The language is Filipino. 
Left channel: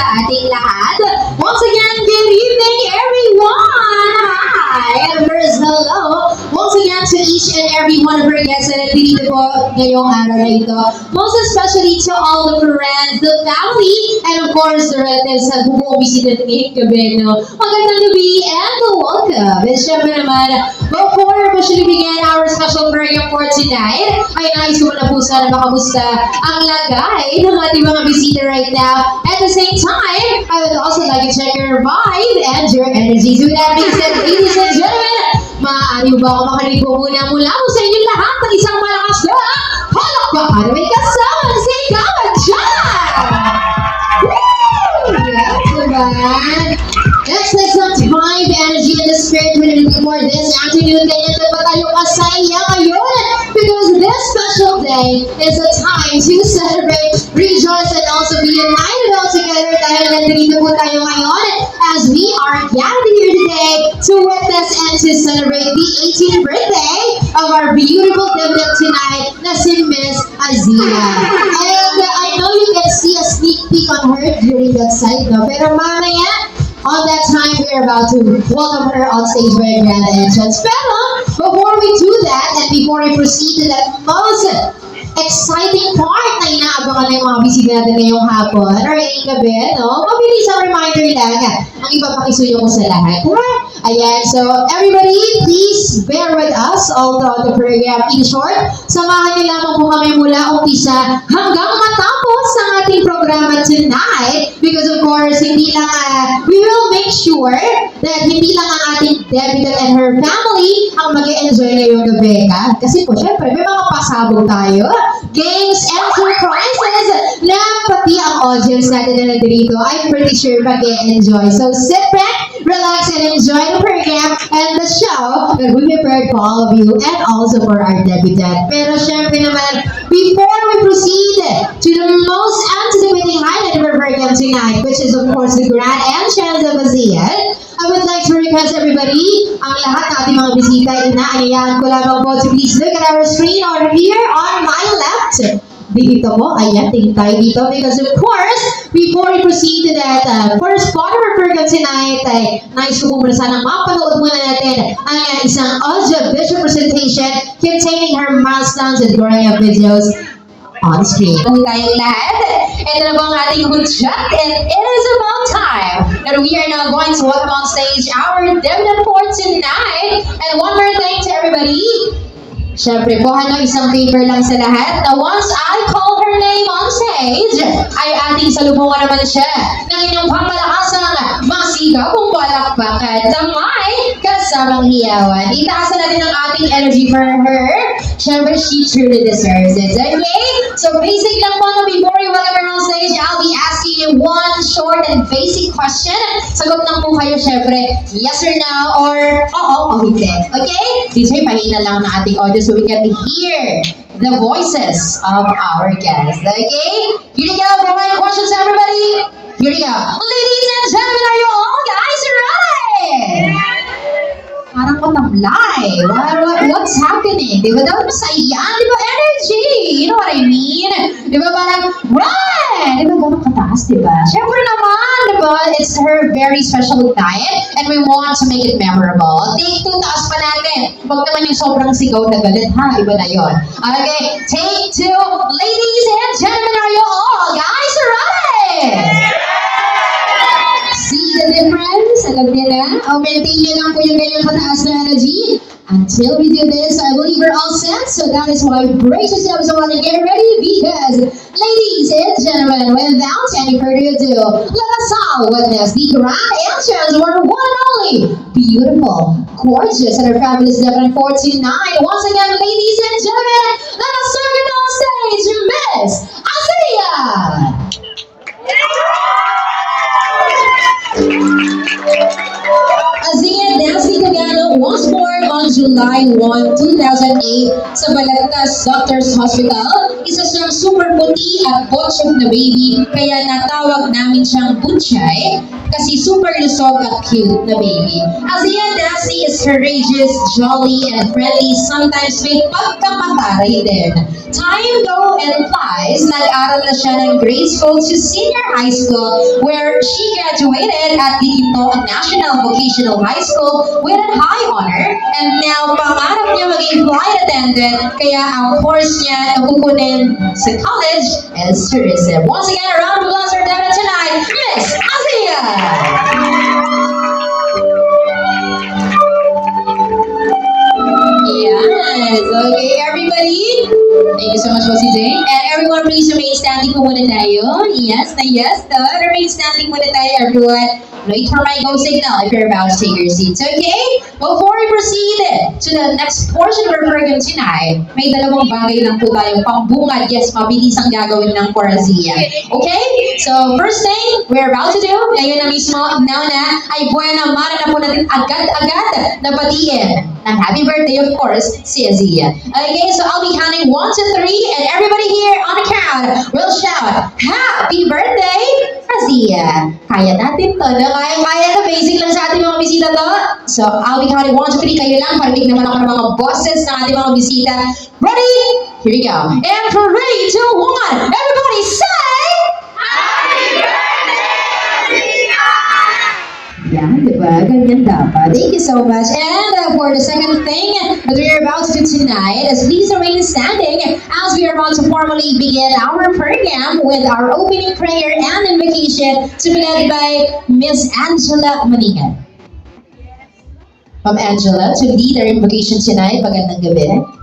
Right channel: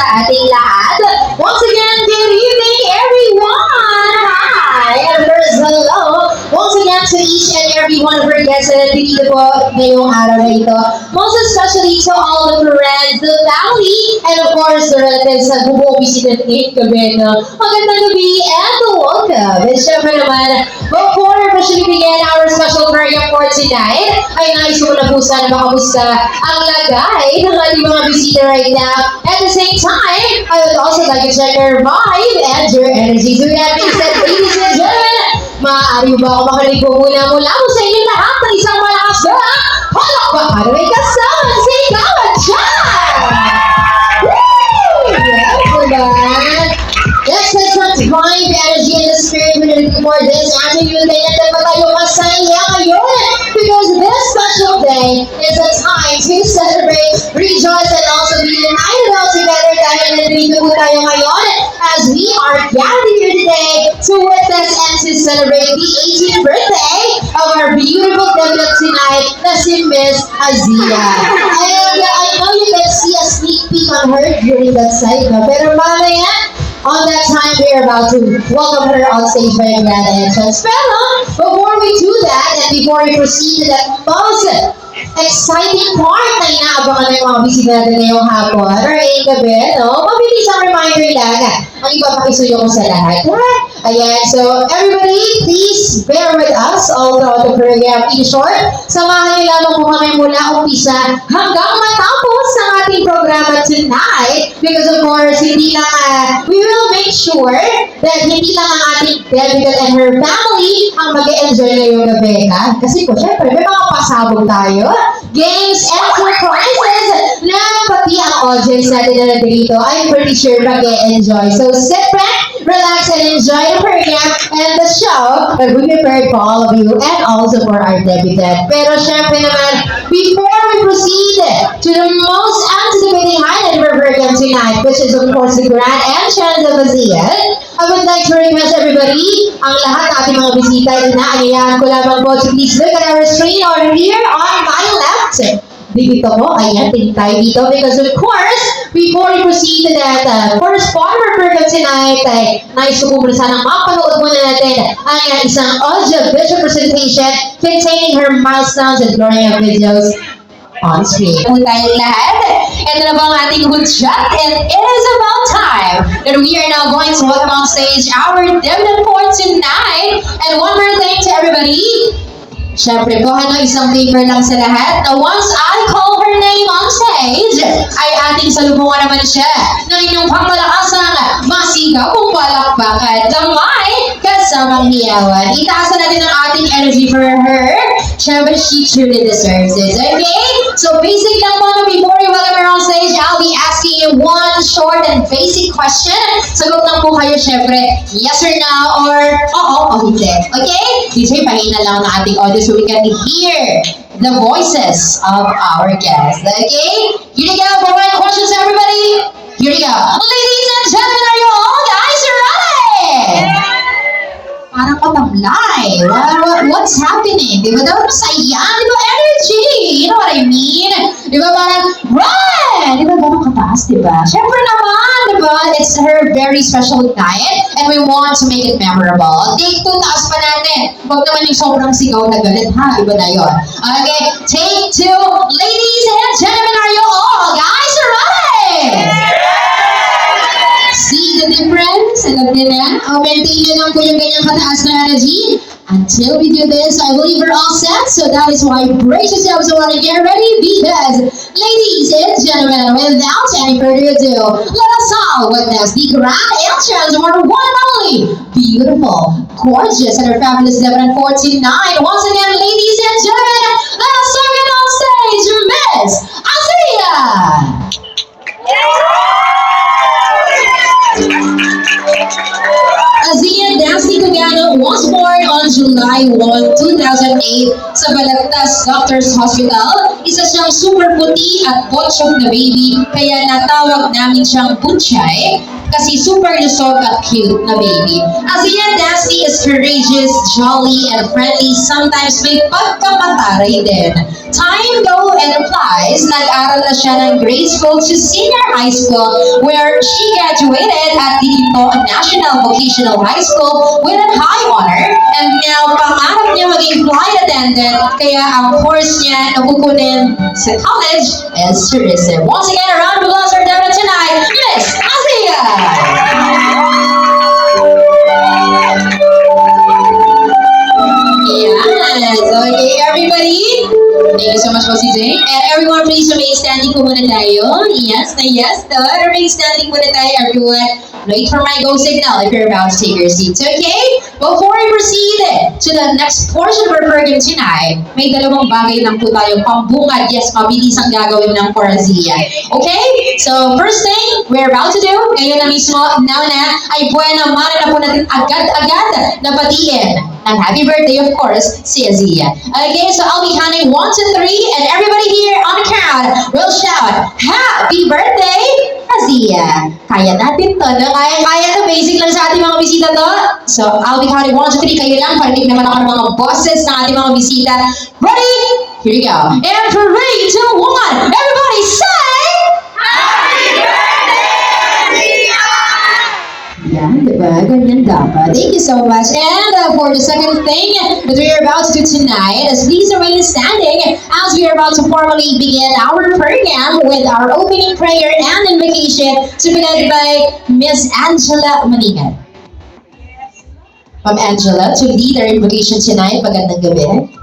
sa ating lahat. Once again, good evening everyone! Hi! And first, hello! Once again to each and every one of our guests na nandito po ngayong araw na ito. Most especially to all the friends, the family, and of course, the relatives na bumubisita ngayong gabi. No? Magandang gabi and welcome! And syempre naman, before we officially begin our special program for tonight, ay nais ko na po sana makamusta ang lagay ng ating mga bisita right now. At the same time, I would also like to check your vibe and your energy. So that being said, ladies and gentlemen, maaari ba ako makinig po muna mula mo sa inyong lahat ng isang malakas na palakpakan na may kasama si Kawat Chan! Woo! Yeah, diba? Let's set some vibe, energy, and the spirit we're looking for this afternoon. Kaya dapat tayo masaya ngayon because this special day is a time to celebrate, rejoice, and also be united all together. Dahil nandito po tayo ngayon as we are gathered here today to witness and to celebrate the 18th birthday of our beautiful debut tonight, na si Miss Azia. And I know you can see a sneak peek on her during that side, no? Pero mamaya, on that time, we are about to welcome her on stage by a grand entrance. Pero, before we do that, and before we proceed to that most exciting part na inaabangan ng mga bisita natin ngayong hapon, or ngayong gabi, no? Mabilis ang reminder lang, ang ipapakisuyo ko sa lahat. Ayan, so everybody, please bear with us all throughout the program. In short, samahan niyo lamang po kami mula umpisa hanggang matapos ang ating programa tonight. Because of course, hindi lang, we will make sure that hindi lang ang ating debutante and her family ang mag-enjoy ngayong gabi. Kasi po, syempre, may mga pasabog tayo, games and surprises na pati ang audience natin na nandito, I'm pretty sure mag-enjoy. So sit back, relax, and enjoy the program and the show that we prepared for all of you and also for our debutant. Pero syempre naman, before we proceed to the most anticipating highlight of our program tonight, which is of course the grand entrance of Azia, I would like to request everybody, ang lahat ng ating mga bisita, inaanyayahan ko lamang po to please look at our screen over here on my left. Dito po, ayan, tingin tayo dito because of course, before we proceed to that first part of our program tonight, ay nais ko po muna sanang mapanood muna natin ang isang audio-visual presentation containing her milestones and growing up videos on screen. Kung tayong lahat, ito na po ang ating hudyat and it is about time that we are now going to welcome on stage our debutante for tonight. And one more thing to everybody, syempre po, isang favor lang sa lahat na once I call her name on stage, ay ating salubungan naman siya ng inyong pangmalakasang masigaw kung palakpakan ng may kasamang hiyawan. Itaasan natin ang ating energy for her. Syempre, she truly deserves it. Okay? So basic lang po na before we welcome her on stage, I'll be asking you one short and basic question. Sagot lang po kayo, syempre, yes or no, or oo o hindi. Okay? DJ, pahina lang ng ating audio so we can hear the voices of our guests. Okay? Here we go. Provide questions, everybody. Here we go. Ladies and gentlemen, are you all guys ready? Parang matamlay. What's happening? Di ba daw masaya? Di ba energy? You know what I mean? Di ba parang run? Di ba parang kataas, di ba? Siyempre naman, di ba? It's her very special night and we want to make it memorable. Take 2, taas pa natin. Huwag naman yung sobrang sigaw na galit, ha? Iba na yun. Okay, take 2. Ladies and gentlemen, are you all guys ready? See the difference? Alam niyo na? Maintain niyo lang po yung ganyang kataas na energy. Until we do this, I believe we're all set. So that is why brace yourselves and want to get ready because, ladies and gentlemen, without any further ado, let us all witness the grand entrance of our one and only beautiful, gorgeous, and our fabulous debutante for tonight. Once again, ladies and gentlemen, let us welcome on stage Miss Azia! Azia Dancy Cagano was born on July 1, 2008 sa Balagtas Doctors Hospital. Isa siyang super puti at butchok na baby, kaya natawag namin siyang Butchay. kasi super lusog at cute na baby. Azia Dasty is courageous, jolly, and friendly. Sometimes may pagkapataray din. Time go and flies, nag-aral na siya ng grade school to senior high school where she graduated at the Ipo National Vocational High School with a high honor. And now, pangarap niya maging flight attendant, kaya ang course niya na kukunin sa college is tourism. Once again, a round of applause for Devin tonight, Miss Azia! Yes, okay everybody. Thank you so much po si Jane. And everyone please remain standing po muna tayo. Yes na yes to. Remain standing muna tayo everyone. Wait for my go signal if you're about to take your seats, okay? Before we proceed to the next portion of our program tonight, may dalawang bagay lang po tayong pambungad. Yes, mabilis ang gagawin ng Corazia. Okay? So, first thing we're about to do, ngayon na mismo, now na, ay buena mara na po natin agad-agad na batiin ng happy birthday, of course, si Azia. Okay, so I'll be counting 1 to 3, and everybody here on the count will shout, Happy Birthday, Azia! Kaya natin to, no? Kaya to, basic lang sa ating mga bisita to. So, I'll be counting 1 to 3, kayo lang, parinig naman ako ng mga bosses ng ating mga bisita. Ready? Here we go. And 3, 2, 1, everybody say, yan, diba? Ganyan dapat. Thank you so much. And for the second thing that we are about to do tonight is please remain standing as we are about to formally begin our program with our opening prayer and invocation to be led by Miss Angela Manigan. Ma'am Angela, to lead our invocation tonight, magandang gabi.